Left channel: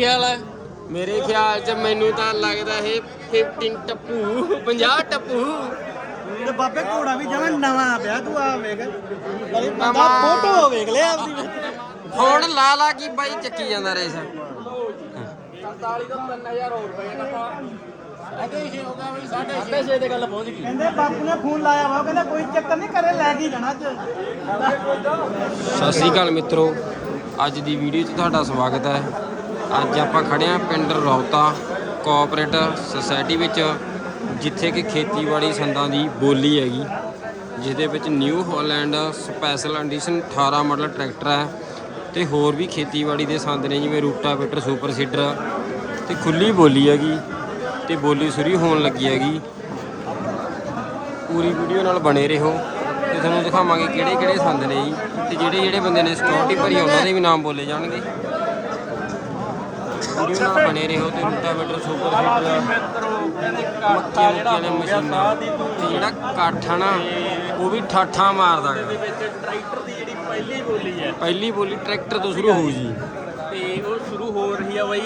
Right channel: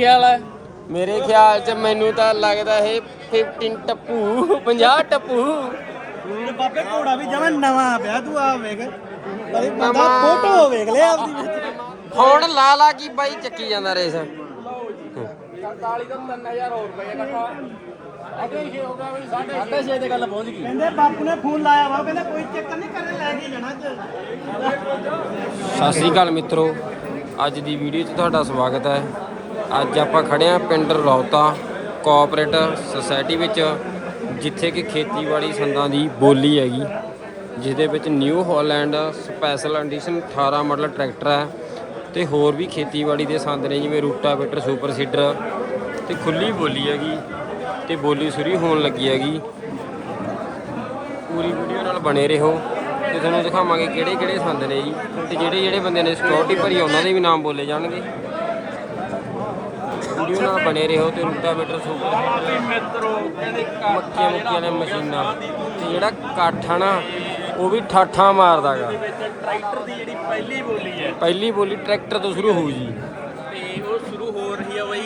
ਖਿਆਲ ਹੈ ਮੇਰੇ ਖਿਆਲ 'ਚ ਮੈਨੂੰ ਤਾਂ ਲੱਗਦਾ ਇਹ 15 ਟੱਪੂ 50 ਟੱਪੂ। ਤੇ ਬਾਬੇ ਘੋੜਾ ਵੀ ਜਿਵੇਂ ਨਵਾਂ ਪਿਆ ਤੂੰ ਆ ਵੇਖ। ਨਵਾਂ। ਫੋਟੋ ਵੇਖ ਲੈ ਆਪਦੀ। ਹੁਣ ਲਾ ਲਾ ਕੀ ਬਾਈ ਚੱਕੀ ਜਾਂਦਾ ਰੇਸ। 44 ਤੋਂ 3000 ਹੋਰ ਰੁਪਏ ਘਟਾ ਸਾਢੇ ਤੇ ਗੱਲ ਪਹੁੰਚ ਗਈ ਕਹਿੰਦੇ ਬਾਪੂ ਨੇ ਫੋਨ ਲਾਇਆ ਵਾ ਕਹਿੰਦਾ ਕੋਈ ਚੱਕਰ ਨਹੀਂ ਕਰੇ ਲੈ ਕੇ ਜਾਣਾ ਚ ਸਤਿ ਸ੍ਰੀ ਅਕਾਲ ਮਿੱਤਰੋ ਅੱਜ ਦੀ ਵੀਡੀਓ 'ਚ ਤੁਹਾਡਾ ਸਵਾਗਤ ਹੈ। ਅੱਜ ਆਪਾਂ ਖੜੇ ਹਾਂ ਪਿੰਡ ਰੌਤਾ ਕੋਆਪਰੇਟ ਸੁਸਾਇਟੀ ਵਿੱਚ, ਜਿੱਥੇ ਕਿ ਖੇਤੀਬਾੜੀ ਸੰਦਾਂ ਦੀ ਬੋਲੀ ਹੈਗੀ ਜਿਸਦੇ ਵਿੱਚ New Holland special edition 18 model tractor ਹੈ ਤੇ ਹੋਰ ਵੀ ਖੇਤੀਬਾੜੀ ਦੇ ਸੰਦ ਨੇ, ਜਿਵੇਂ ਰੂਟਾਵੇਟਰ, ਸੁਪਰ ਸੀਡਰ, ਤੇ ਖੁੱਲੀ ਬੋਲੀ ਹੈਗੀ, ਤੇ ਬੋਲੀ ਸ਼ੁਰੂ ਹੋਣ ਲੱਗੀ ਹੈਗੀ। ਪੂਰੀ ਵੀਡੀਓ ਨਾਲ ਬਣੇ ਰਹੋ ਤੇ ਤੁਹਾਨੂੰ ਦਿਖਾਵਾਂਗੇ ਕਿਹੜੇ ਕਿਹੜੇ ਸੰਦ ਨੇ ਜੀ, ਤੇ ਜਿਹੜੇ ਜਿਹੜੇ ਬੰਦੇ ਨੇ ਸਿਕਿਉਰਿਟੀ ਭਰੀ ਉਹਨਾਂ ਦੇ ਵੀ ਨਾਮ ਬੋਲੇ ਜਾਣਗੇ। ਵੀਡੀਓ ਨਾਲ ਬਣੇ ਰਹੋ ਤੇ ਰੂਟਾਵੇਟਰ ਸੁਪਰ ਸੀਡਰ ਮੱਕੀਆਂ ਮੁੱਕੀਆਂ ਨੇ ਮਸ਼ੀਨਾਂ। ਤੇ ਜਿਹੜਾ ਕਾਠਾ ਨਾ ਉਹ ਵੀ ਠਾਠਾਂ ਮਾਰਦਾਗਾ। ਟਰੈਕਟਰ ਦੀ ਜਿਹੜੀ ਪਹਿਲੀ ਬੋਲੀ ਹੈ ਪਹਿਲੀ ਬੋਲੀ ਟਰੈਕਟਰ ਤੋਂ ਸ਼ੁਰੂ ਹੋਊ ਜੀ। ਤੇ ਉਹ ਸ਼ੁਰੂ ਹੋ ਰਹੀ ਹੈ ਬਈ।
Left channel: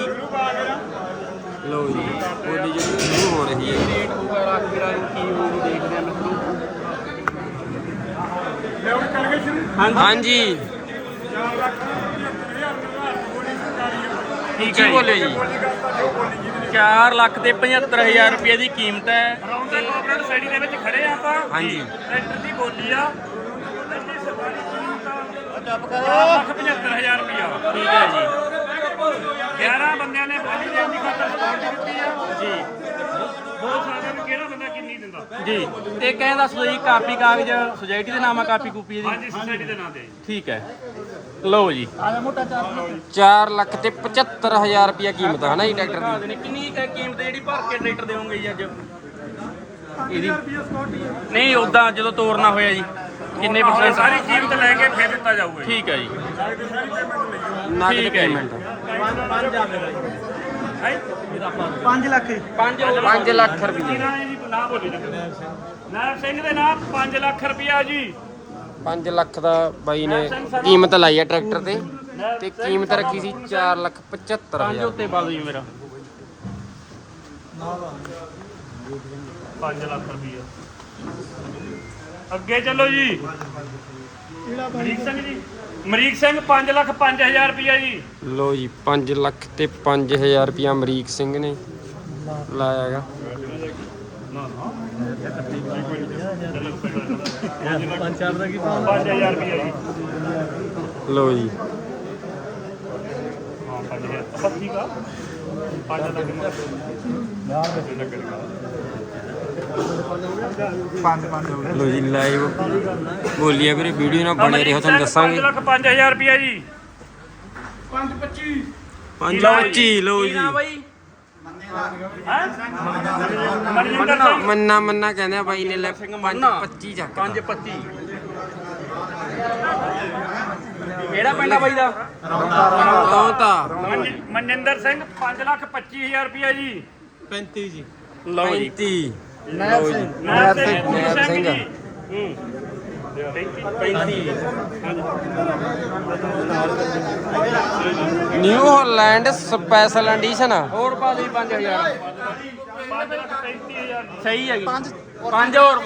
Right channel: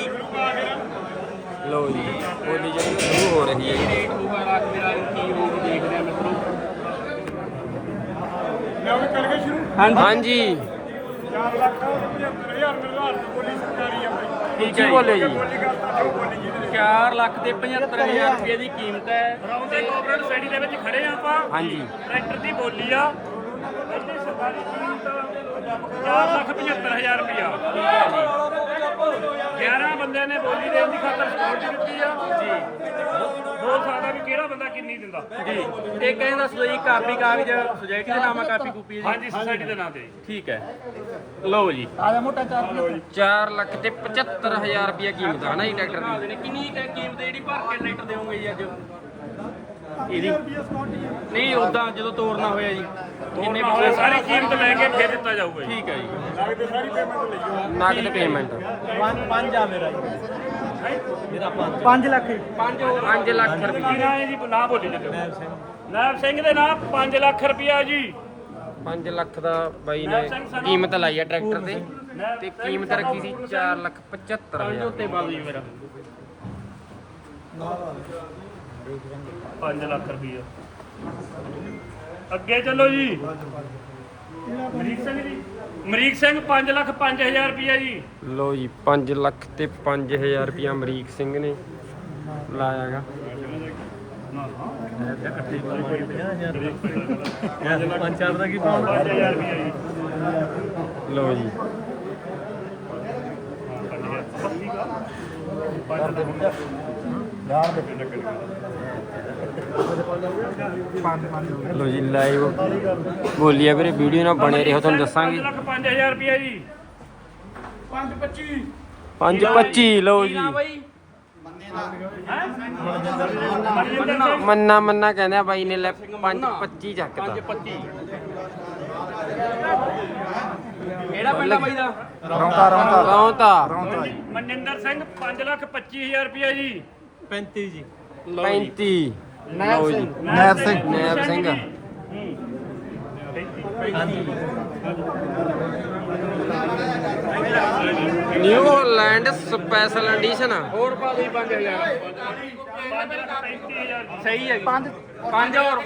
ਲਓ ਜੀ ਬੋਲੀ ਜਿਹੜੀ ਸ਼ੁਰੂ ਹੋ ਰਹੀ ਹੈ ਜੀ। ਰੇਟ ਹੋਊਗਾ ਰੱਖ ਕੇ ਦੇਖਦੇ ਆ ਮਿੱਤਰੋ ਹਾਂਜੀ। ਠੀਕ ਕੀ ਬੋਲੇ ਜੀ। 4 ਲੱਖ ਤੇ 75000 ਰੁਪਏ ਦੀ ਕੀਮਤ ਹੈ। ਰੌਂਗ ਤੇ ਕੋਆਪਰੇਟ ਸੋਸਾਇਟੀ ਦੇ ਵਿੱਚ ਖੜੇ ਆ ਆਪਾਂ। ਹਾਂਜੀ। ਟਰੈਕਟਰ ਦੀ ਬੋਲੀ ਆ। ਇਹਦੀ ਸਰਕਾਰੀ ਕੀਮਤ 4 ਲੱਖ 75000 ਰੁਪਇਆ ਠੀਕ ਹੈ ਜੀ। 11 ਬੰਦਿਆਂ ਨੇ ਬੋਲੀ ਦੇਣ ਦੀ ਖਾਤਰ ਸਪੋਰਟ ਦਿੱਤੀ ਆ। ਜੀ। ਬੋਲ ਸਕਦਾ ਵੀ ਕਿਹੜਾ ਬੰਦਾ ਕਿੰਨੀ ਦਿੰਦਾ। ਜੀ। ਤੇ ਕਹਿੰਦਾ ਸੋ ਜੀ ਕਾਪੀ ਕਾਗਜ਼ ਸੁਸਾਇਟੀ ਦੇ ਨਾਮ ਆ ਕਾਪੀ ਕੂਪੀ ਜੀ। ਹਾਂਜੀ ਸੋਸਾਇਟੀ ਦੇ ਨਾਂ ਤੇ ਠੀਕ ਹੈ। ਲਓ ਜੀ। 4 ਲੱਖ ਤੇ 75000 ਰੁਪਏ ਕੀਮਤ ਹੈ ਨਾ ਜੀ ਟਰੈਕਟਰ ਦੀ? ਕਿੰਨੀ ਕੁ ਕੀਮਤ ਹੈ ਜਿਹੜੀ ਭਰ ਕੇ ਟਰੈਕਟਰ ਦੇਵੋਗੇ ਜੀ ਅੱਜ? ਇਹਦੀ ਨਹੀਂ ਉਦਾਂ ਜਦੋਂ ਤੋਰਨਾ ਹੋਇਆ ਜੀ। ਕਿੰਨੇ ਪਿਛਲੇ ਸਾਰੀ ਕੀਮਤ ਲੈ ਕੇ ਫਿਰ ਦਿੱਤਾ ਜਾਊਗਾ ਜੀ। ਠੀਕ ਹੈ ਜੀ। ਨਗਦ ਠੀਕ ਹੈ। ਪੇਮੈਂਟ 5 ਲੱਖ ਹੀ 5 ਲੱਖ। ਰੁਪਏ ਨਾਂ ਹੈ ਜੀ ਨਾ ਬੋਲੀ ਜੀ। ਨਾਇਬ ਸਿੰਘ ਦੇ ਨਾਂ 5 ਲੱਖ ਰੁਪਇਆ ਜੀ। 5 ਲੱਖ ਦਾ ਬਾਈ ਨੇ ਕੀਮਤ ਲਾਈ ਹੈ ਟਰੈਕਟਰ ਤੇ। ਤੇ ਕੀਮਤ ਰੱਖੀ ਸੀ 4 ਲੱਖ 75000 ਉੱਤੇ ਬਾਲ ਜੀ ਮੇਰਾ 5 ਲੱਖ ਰੁਪਇਆ ਅੱਗੇ ਚੱਲੋ ਜੀ। ਮਰੀਕ ਸਿੰਘ ਜੀ। ਮਰੀਕ ਸਿੰਘ 5 ਲੱਖ 5000 ਰੁਪਇਆ ਜੀ। ਲੋ ਜੀ 5 ਲੱਖ ਤੇ 5000 ਰੁਪਏ ਅਮਰੀਕ ਸਿੰਘ ਨੇ ਲਾਇਆਗਾ ਪੰਜ ਰੁਪਇਆ ਜੀ ਲੋ ਜੀ। ਸਭ ਠੀਕ ਆ 5 ਲੱਖ ਲੋ ਜੀ ਲਾਈਵ ਬੋਲੀ ਆ ਵੀਰੇ ਵੀਡੀਓ ਨਾਲ ਬਣੇ ਰਹੋ ਤੁਹਾਨੂੰ ਦੱਸਾਂਗੇ। 5 ਲੱਖ 5000 ਰੁਪਇਆ ਜੀ। 525 525 ਲੋ ਜੀ। ਬਾਈ? ਮੰਨਾ ਮੰਨਾ ਕਹਿੰਦੇ ਆ ਬਾਈ ਨੇ ਲੈ 525 ਚੱਕਦਾ 525 ਕਿਹੜਾ ਪਿੰਡ ਆ ਬਾਈ ਦਾ? ਲਓ ਤਾਂ ਮਨਿੰਦਰ ਸਿੰਘ 5 ਲੱਖ 25000 ਰੁਪਇਆ ਜੀ। 35 ਜੀ। ਲਓ ਜੀ। 35 ਲਓ ਜੀ। Naib Singh. New Holland special edition. ਆ ਹੋਰ ਪਾ ਦੇ 5000 ਸਹੀ ਹੈਗੀ 5 ਹੋਰ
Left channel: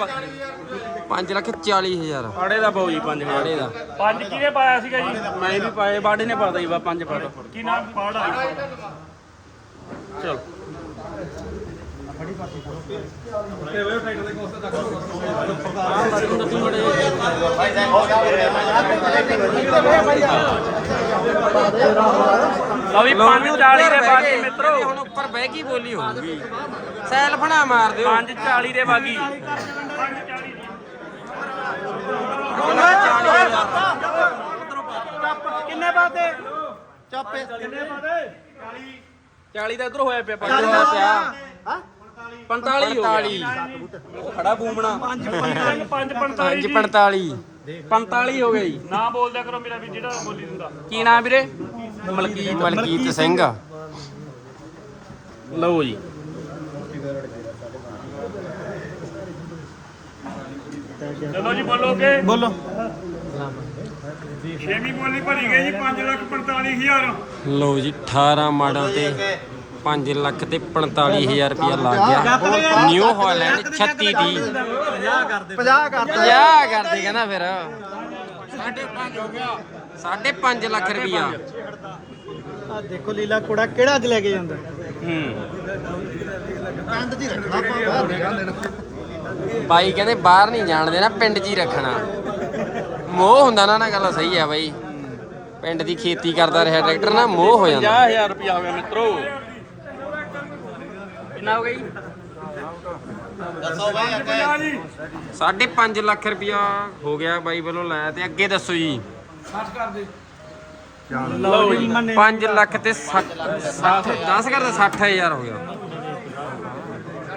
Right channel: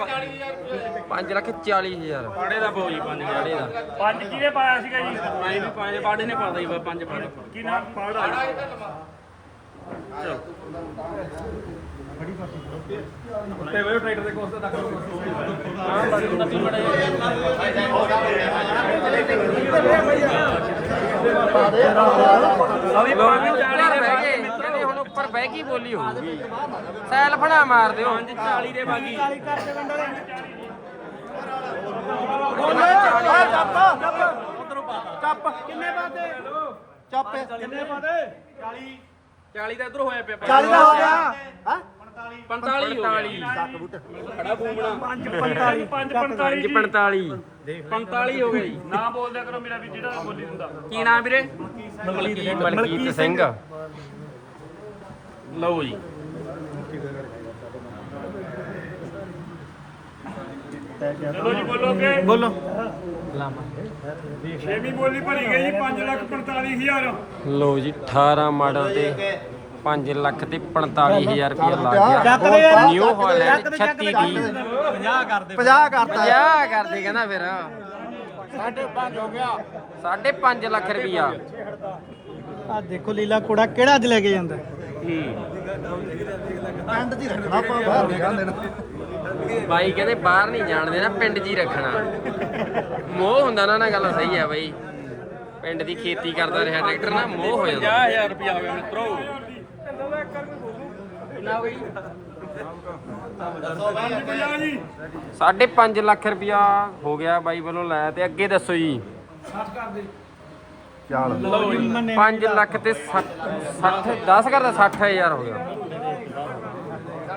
5 ਲੱਖ 40 ਹਜ਼ਾਰ। ਪਾੜੇ ਦਾ ਜੀ 5 ਆੜੇ ਦਾ। ਪੰਜ ਕਿਹਨੇ ਪਾਇਆ ਸੀਗਾ ਜੀ? ਮੈਂ ਵੀ ਪਾਏ ਬਾੜੇ ਨੇ ਪਾਦਾ ਜੀ ਬਾ 5 ਪਾੜੇ ਕੀ ਨਾਮ? ਪਾੜਾ ਚਲ। ਲਓ ਵੀ ਲੋ 5 ਵੀ 40 ਉੱਪਰ ਦੇ ਬਹਿ ਬਾਗੀ ਗਏ। ਮਿੱਤਰੋ। ਕਹਿੰਦੇ ਹੁਣ ਉੱਪਰ ਬਹਿ ਕੇ ਬੋਲੀ ਹੋਊਗੀ। ਸੈਲਫ ਨਾ ਮਾਰ ਦਿਓ। 5 40 ਦੇ ਬਾਗੀ। ਕਿੰਨੇ ਬਾਤੇ ਚੱਪ 40 ਦਾ? ਇਧਰ ਹੋਇਆ ਪਿਆ ਚੱਲ ਹੋਇਆ ਪਿਆ। 45 ਹੋ? 45 ਗਿਆ। ਖੜਾ ਬੂਮਣਾ 5 45 ਪੰਜ 5 45 45 45 ਹੋ ਗਈ। ਨਾ ਬੋਲਦਿਆ ਕਰੋ ਮੇਰਾ ਵੀ ਜਿਹੜਾ ਬੋਲੀ ਦਿੰਦਾ ਕੀ ਨਾਮ ਵੀਰੇ? ਮਲਕੀਤ ਮਲਕੀਤ ਸਿੰਘ। ਲਓ ਜੀ। ਚਲੋ ਜੀ ਬੋਲੋਗੇ ਬੋਲੋ। ਛੇਵੀਂ ਬੋਲੀ ਭਰੀ ਗਈ ਜੀ 5 ਲੱਖ 45000 ਲਓ ਜੀ 18 ਮਾਡਲ ਤੇ 5 ਲੱਖ ਤੇ 45000 ਰੁਪਇਆ ਲੱਗ ਗਿਆ। ਨਿਊ ਹਾਲੈਂਡ 36 ਦੀ। 50 ਕਰਦੇ 50 ਕਰ 50 ਕਰਦੇ ਕਹਿੰਦਾ ਫਿਰ। 5.5 ਹੋ ਗਿਆ। 5.5 ਲੱਖ ਰੁਪਇਆ। ਦੇਖੋ ਲੀਲਾ ਕੋੜਾ ਕਿਹੜਾ ਅੱਜ ਲੈ ਕੇ ਜਾਂਦਾ? ਬਾਈ ਕਹਿੰਦੇ ਬਾਹਰ ਨਹੀਂ ਜਾਣ ਦੇਣਾ ਪਿੰਡ 'ਚ ਹੀ ਰੱਖਣਾ। ਮੋਹ ਹੁੰਦਾ ਨਾ ਨਾ ਗੱਲ ਸਹੀ ਆ ਬਾਈ। ਪਿੰਡ ਦੀ ਖੇਤੀ ਕਰਦਾ ਰਿਹਾ ਟਰੈਕਟਰ ਨਾ ਮੋਹ ਹੋ ਜਾਂਦਾ। 50000 ਰੁਪਇਆ ਹੋ ਗਿਆ ਮਿੱਤਰੋ। ਕਿੰਨਾ ਹੋ ਗਈ 50 ਜੀ 5.5 ਲੱਖ ਰੁਪਇਆ ਹੋ ਗਿਆ ਬਾਈ ਵੱਲੋਂ ਲਾਇਆ ਤੇ ਅੱਗੇ ਦੱਸੋ ਜੀ। ਲਓ ਜੀ। 5 ਲੱਖ ਤੇ 60 60 10 ਕਰਦਾ 60000 ਹੋ ਗਿਆ।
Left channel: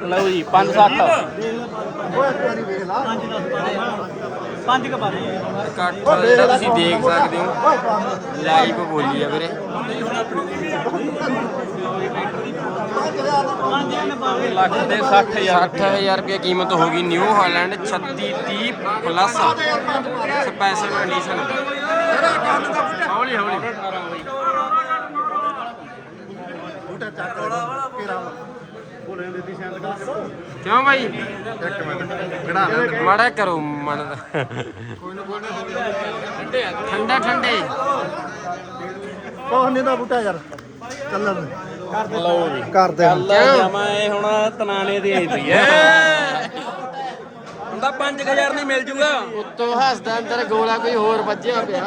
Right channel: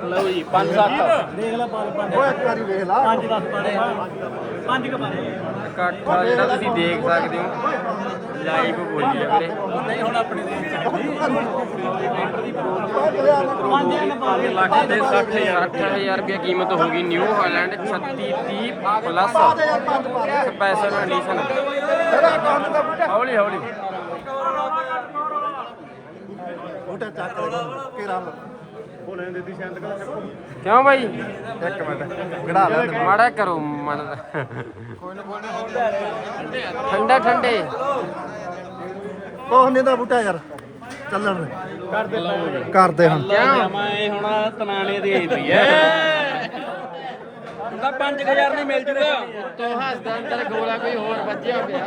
ਲਓ ਜੀ 560 ਪੰਜ ਦਸ ਪਾਰੇ ਪੰਜ ਕ ਪਾਰੇ ਇਕੱਠ ਜਿਹੜਾ ਤੁਸੀਂ ਦੇਖ ਸਕਦੇ ਹੋ ਲਾਈਵ ਬੋਲੀ ਆ ਵੀਰੇ। ਲੱਖ ਦੇ 60000 60000 ਰੁਪਏ ਕੀਮਤ ਹੋ ਗਈ New Holland 36 30 plus special edition ਹੌਲੀ ਹੌਲੀ। ਕਿਉਂ ਭਾਈ ਮਾੜਾ ਕਰੋ ਮਨ ਦਾ। ਠੰਡਾ ਠੰਡੇ। ਕੋਹ ਨਹੀਂ ਦਾ ਬੂਟਾ ਯਾਰ। ਚੱਲਣ ਕਰਦੇ ਕਰਦੇ। ਕਿਉਂ? ਮੈਂ ਹੁਣ ਤਨਾਨੇ ਦੀ ਆਈ ਪਈ ਐ ਉਹਦਾ 5000 ਨਹੀਂ ਮਿਲ ਜੂਗਾ। ਤੋ ਹੱਸਦਾ ਤੇਰਾ ਗੋਲਾ ਕੋਈ ਹੋਰ ਵੱਜਿਆ ਪਿਆ।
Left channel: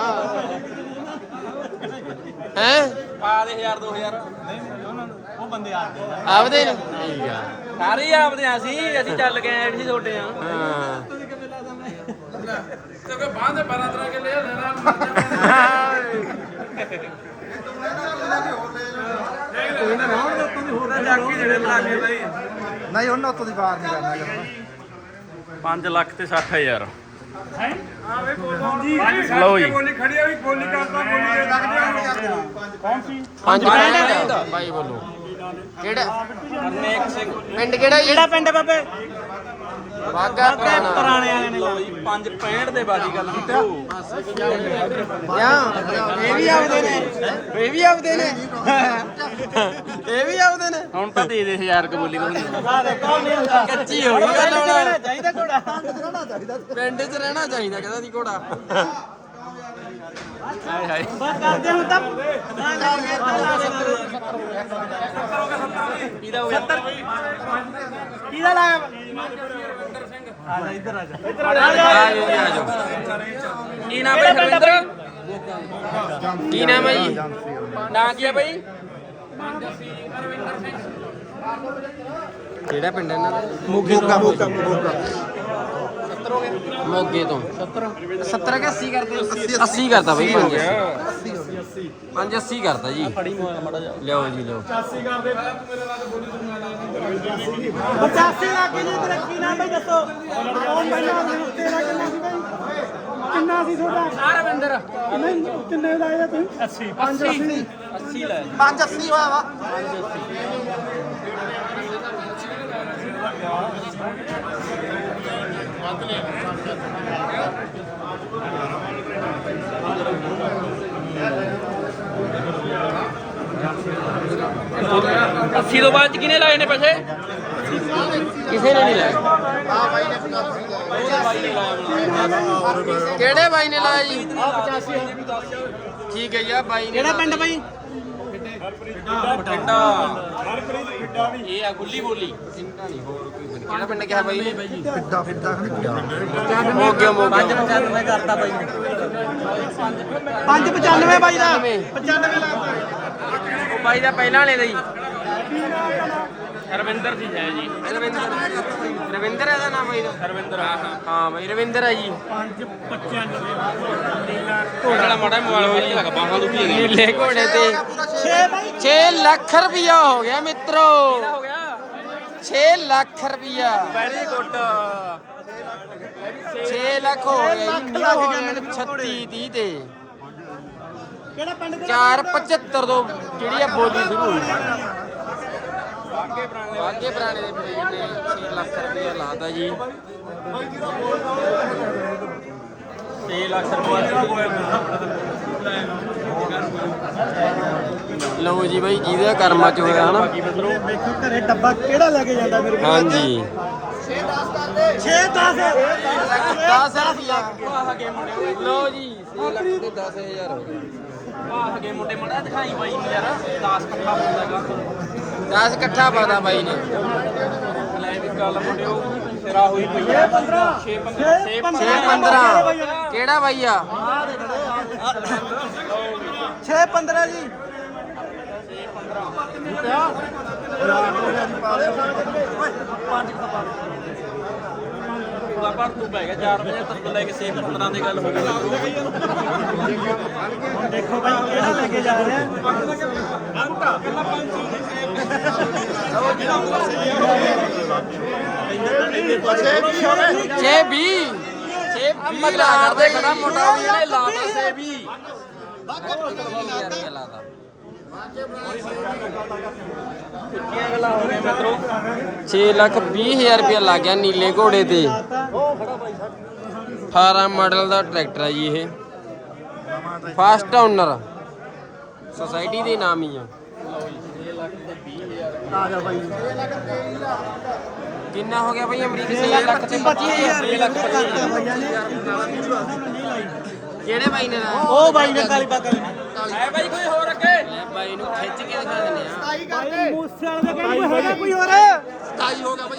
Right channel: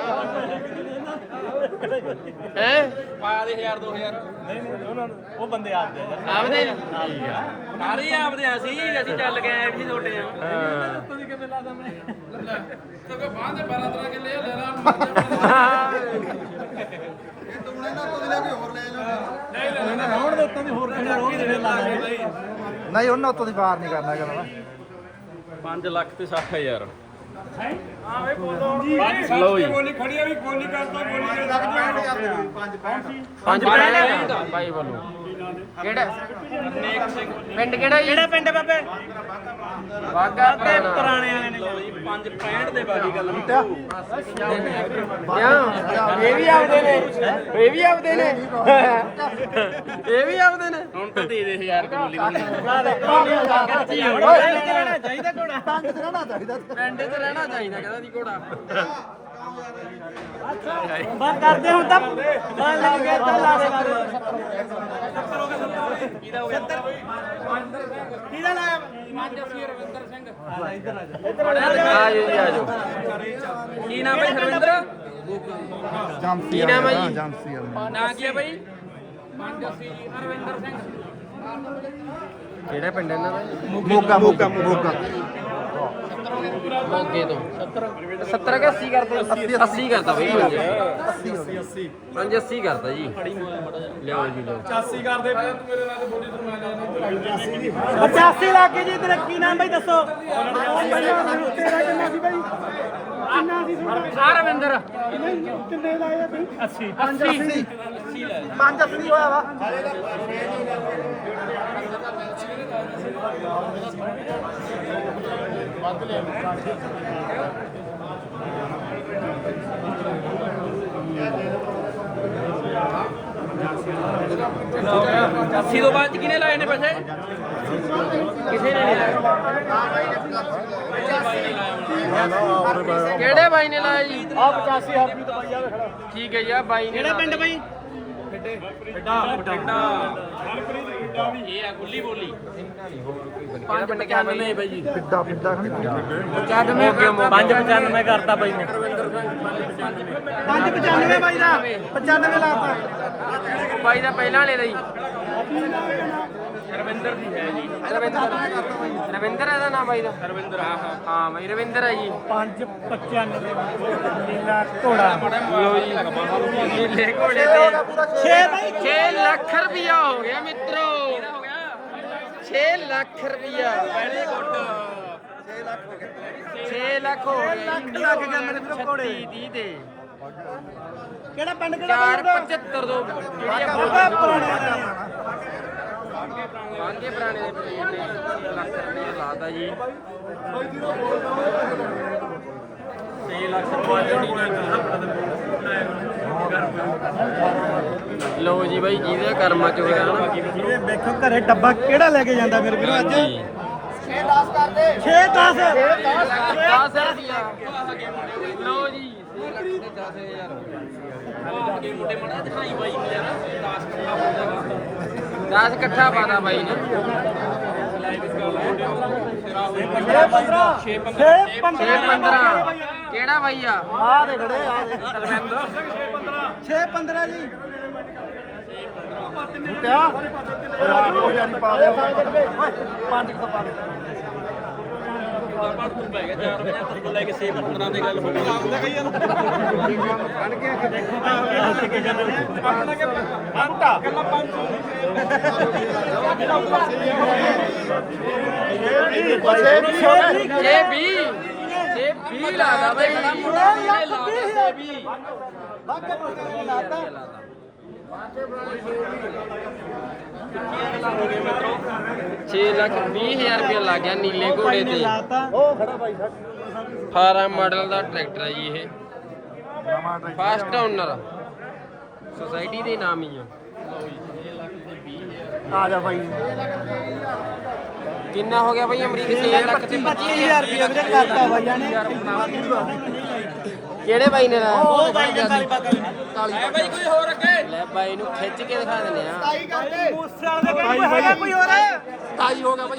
ਹੈ? ਆ ਦੇ 1000 2000 ਨਹੀਂ ਨਹੀਂ ਉਹਨਾਂ ਨੂੰ। ਉਹ ਬੰਦੇ ਆਪਦੇ ਆ। ਆਪਦੇ ਨੇ? ਠੀਕ ਆ। ਸਾਰੇ ਆਪਦੇ ਆ ਸੀ ਅਸੀਂ ਚੱਲ ਕੇ ਆਏ ਸੀ ਛੋਟੇ ਆ ਹਾਂ। ਤੇ ਬਾਂਹ ਦੇ 12 ਤਰ੍ਹਾਂ ਕੇ ਲੈ ਲੈਣਾ ਮਰ ਜਾ ਨਹੀਂ ਉਹਨਾਂ ਤੋਂ ਦੀ ਬਾਹਰ ਨਹੀਂ ਕਰਨਾ। 5 ਲੱਖ ਤੇ 60000 ਪੰਜ ਸੱਤ ਤੇ ਬੋਲੀ ਖੜੀ ਆ ਵੀ ਗੋਲੀ ਕਰਦਾ ਬੋਲੀ ਦੇ ਲੱਗ ਜਾ ਕੌਣ ਸੀ? ਪੰਜ ਪੈਂਟ ਭਾਈ ਵੱਲੋਂ। ਕਿਹੜਾ? ਪਿੰਡ ਕਿਹੜਾ ਜੀ? ਕਿਹੜਾ ਪਿੰਡ ਬਾਬੇ? ਵਾਗਾ ਪੁਰਾਣਾ। ਪੁਰਾਣੇ ਵਾਲਿਆਂ ਨੇ ਲਾਈ 5 65 ਦੇ ਬਾਜੀ ਗੱਲ ਵਿੱਚੋਂ ਕਿਉਂ? ਇਹ ਵੀ ਆਪਦੇ ਨੇ। ਇਹ ਵੀ ਆਪਦੇ ਨੇ। ਇਹ ਵੀ ਆਪਦੇ ਨੇ। ਹੁਣ ਤਾਂ ਦੇ ਦੇ 1000 ਕਬੂਲੀ ਕੋਲ ਕੱਚੀ ਹੋ ਗਈ। ਲੋੜਾ ਚਾਹੀਦਾ ਕੋੜਾ ਪਿੰਡ 'ਚ ਰਹਿਣਾ ਚਾਹੀਦਾ ਕਹਿੰਦਾ ਦੀ ਘੋੜਾ। ਕਰਦੇ ਹੁਣ ਤਾਂ ਕਿਹਦਾ ਲਾਇਆ? ਰਵਿੰਦਰ ਸਿੰਘ ਆ ਜਾ ਇੱਧਰ ਆ ਜਾ ਆ ਜਾਓ ਜੀ ਆ ਜਾਓ। ਕੀ ਨਾਮ ਹੈ ਸਰਵਿੰਦਰ ਕੀ ਨਾਮ ਹੈ ਜੀ? ਨਾਂ ਕੀ ਹੈ ਬਾਈ? ਕਿਹੜਾ ਪਿੰਡ ਹੈ ਇਹਨਾਂ ਦਾ? ਜੀ? ਮੋਗਾ ਮੋਗਾ। ਮੋਗੇ ਤੋਂ। 70 ਕਿ 80 ਕਰਦੇ? 80 ਕਰਦਾ ਬਈ 5 80 5 80 ਕਰਦਾ ਜੀ। ਲਿਆਓ ਜੀ ਲਿਆਓ। 85 ਲੱਖ ਜੀ ਤੇਰਾ ਕੀ ਨਾਮ ਬਈ ਦੱਸੋ? ਉਹ ਪਹਿਲਾਂ ਤੇਰਾ ਕਿੰਨਾ ਸੀ ਬਈ। ਕਿੰਨਾ ਸੀ ਤੁਹਾਡਾ? ਆ ਰਵਿੰਦਰ। ਕਿੰਨੇ ਲਾਇਆ ਤੁਸੀਂ 80 80 ਲੈ 580 ਹੋਇਆ ਵਾ। ਅੱਸੀ ਤੋਂ ਬਾਅਦ ਕਿਨੇ ਲਾਏ ਨੇ ਪੈਸੇ? ਕਿਸੇ ਨੇ ਨਹੀਂ ਲਾਇਆ ਕਿਹੜੇ ਬਾਈ ਨੇ ਲਾਇਆ ਜੀ? ਆ 85 ਹਜ਼ਾਰ ਠੀਕ ਹੈ ਜੀ ਆ ਬਾਈ ਨੇ ਕਿਹੜਾ। ਪਿੰਡ ਬਈ? ਡੰਡਾ ਇਹ ਆ ਗੁੱਲੀ ਬੋਲੀ। ਇੰਨਾ ਨਹੀਂ ਹੋਰ ਕੋਈ ਪਿੰਡ ਕਿਹੜਾ ਪਿੰਡ ਕਿਹਾ ਬਾਈ ਨੇ ਫਿੱਡਾ ਫਿੱਡਾ ਮੋਗੇ। ਮੋਗੇ 95 ਕਰਤਾ ਬਾਈ ਨੇ। 595 ਬਾਈ ਦਾ। 95 ਲਾਤਾ। ਉਹ ਬਾਈ ਦਾ ਪਹਿਲਾਂ ਵਾਲੇ ਦਾ ਜੀ ਰਵਿੰਦਰ ਜੀ ਹੈ ਜੀ। ਰਵਿੰਦਰ। ਰਵਿੰਦਰ ਇਹਦਾ ਨਾਮ ਬਾਈ ਦਾ? ਰਵਿੰਦਰ ਹਾਂ ਹਾਂ। ਹਾਂ ਬਾਈ ਰਵਿੰਦਰ ਹੈ ਜੀ। 595 ਮਾੜਾ ਮਾੜਾ ਲਓ ਜੀ ਬਾਹਾਂ ਦੁਖੀ ਨੀਲੇ ਘੋੜੇ ਤੇ 6 ਬਾਈ। 6 ਲੱਖ ਰੁਪਇਆ ਹੋ ਗਿਆ ਮਿੱਤਰੋ। 6 ਲੱਖ ਰੁਪਇਆ 6 ਲੱਖ ਹੋ ਗਿਆ ਜੀ। ਲੱਖ ਗਿਆ ਮੇਰੇ ਵੀਰੋ ਘੋੜੇ। 36 30 ਤੇ। ਕਿਹੜਾ ਪਿੰਡ 475 ਤੋਂ ਜਿਹੜੀ ਆ ਬੋਲੀ ਸ਼ੁਰੂ ਹੋਈ। ਬਾਗੇ ਪੁਰਾਣੇ ਦੇ ਪੀਰ ਨੇ 6 ਲੱਖ ਰੁਪਇਆ ਲਾਤਾ ਜੀ। 6 ਲੱਖ ਰੁਪਏ ਲਓ ਜੀ ਬਾਈ ਜਿਹਦੇ ਕਰਮਾਂ ਚ ਹੋਇਆ ਹਨਾ। ਇਹ ਵੇਖੋ ਘਰੇ ਡੱਬਾ ਕਿਹੜਾ ਲੈ ਕੇ ਜਾਂਦਾ ਮੇਰੇ ਹਾਂਜੀ। 6 10 10 ਰੁਪਿਆ ਲਓ ਜੀ 6 ਲੱਖ ਤੇ 10000 ਹੋ ਗਏ। ਅੱਗੇ ਮੁੰਡੇ ਮੜਾ ਦਿਖਾਈ ਬਾਈ ਯਾਰ 10 ਪੱਕਾ ਹੁੰਦਾ 10 ਇਕੱਠਾ ਪਾਦਾ ਬਾਈ ਨੇ ਲੈ ਵੀ ਗੱਲ ਮੁੰਡੇ ਤੇਰਾ ਹੋਈ ਪਈ ਆ 6 6 15 ਕਿਹੜਾ ਬਾਈ ਆ 6 15 ਜੀ ਪੂਰਾ ਪਰ ਤੂੰ ਪੈ ਗਿਆ 4 ਵਜੇ ਤੱਕ ਲੈ ਕੇ 6 15 ਦੀ ਗੱਲ ਹੋ ਗਈ ਦੇਖੋ ਭਾਈ ਕਿਹੜਾ ਲੈ ਕੇ ਜਾ ਰਿਹਾ ਆ ਮੁੱਟਾ ਛੇ 20 ਛੇ 20 ਲਾਦਾ ਬਾਈ ਸੇ ਵੀ ਬਾਕੀ ਪੁੱਛਣਾ ਲਾਦਾ ਲਾਦਾ ਕਿੰਨੀਆਂ ਗੱਲਾਂ ਹੋ ਗਏ ਮਿੱਤਰੋ 6 ਲੱਖ 20 ਹਜ਼ਾਰ ਰੁਪਇਆ ਲੱਗ ਗਿਆ ਨੀਲੇ ਘੋੜੇ ਤੇ। 18 ਮਾਡਲ ਦਾ ਟਰੈਕਟਰ ਹੈ ਜੀ ਇਹ। ਫਾਸਟ ਓਨਰ ਸੋਸਾਇਟੀ ਦੇ ਨਾਮ ਹੀ ਆ। ਕਿੰਨਾ ਹੋ ਗਿਆ ਭਾਈ ਅਮਰੀਕ 6 ਲੱਖ ਤੇ 25000 ਰੁਪਏ ਨੇ ਕਰਤਾ ਭਈਆ ਨੇ ਇੰਤਵਾ ਨਹੀਂ ਲਾਈ। ਕਿਹੜੇ ਬਾਈ ਨੇ ਲਾਇਆ? ਉਹ ਬਾਈ ਨੇ ਕਾਲੀ ਬਾਕਾ ਹੈ ਬਾਈ ਕੋਈ ਹੋਰ ਅੱਗੇ। ਲੈ ਬਾਈ ਨੂੰ ਖਿੱਚ ਕੇ ਦਿਖਾ ਦਿੰਨੇ ਆ। ਤਾਈ ਕਰਦੇ ਮੂਸੇ ਵਾਲੇ ਦੇ ਕੋਈ ਹੈਗਾ ਕੋਈ ਹੋਰ? ਤਾਈ ਹੋ ਗਿਆ ਬਾਈ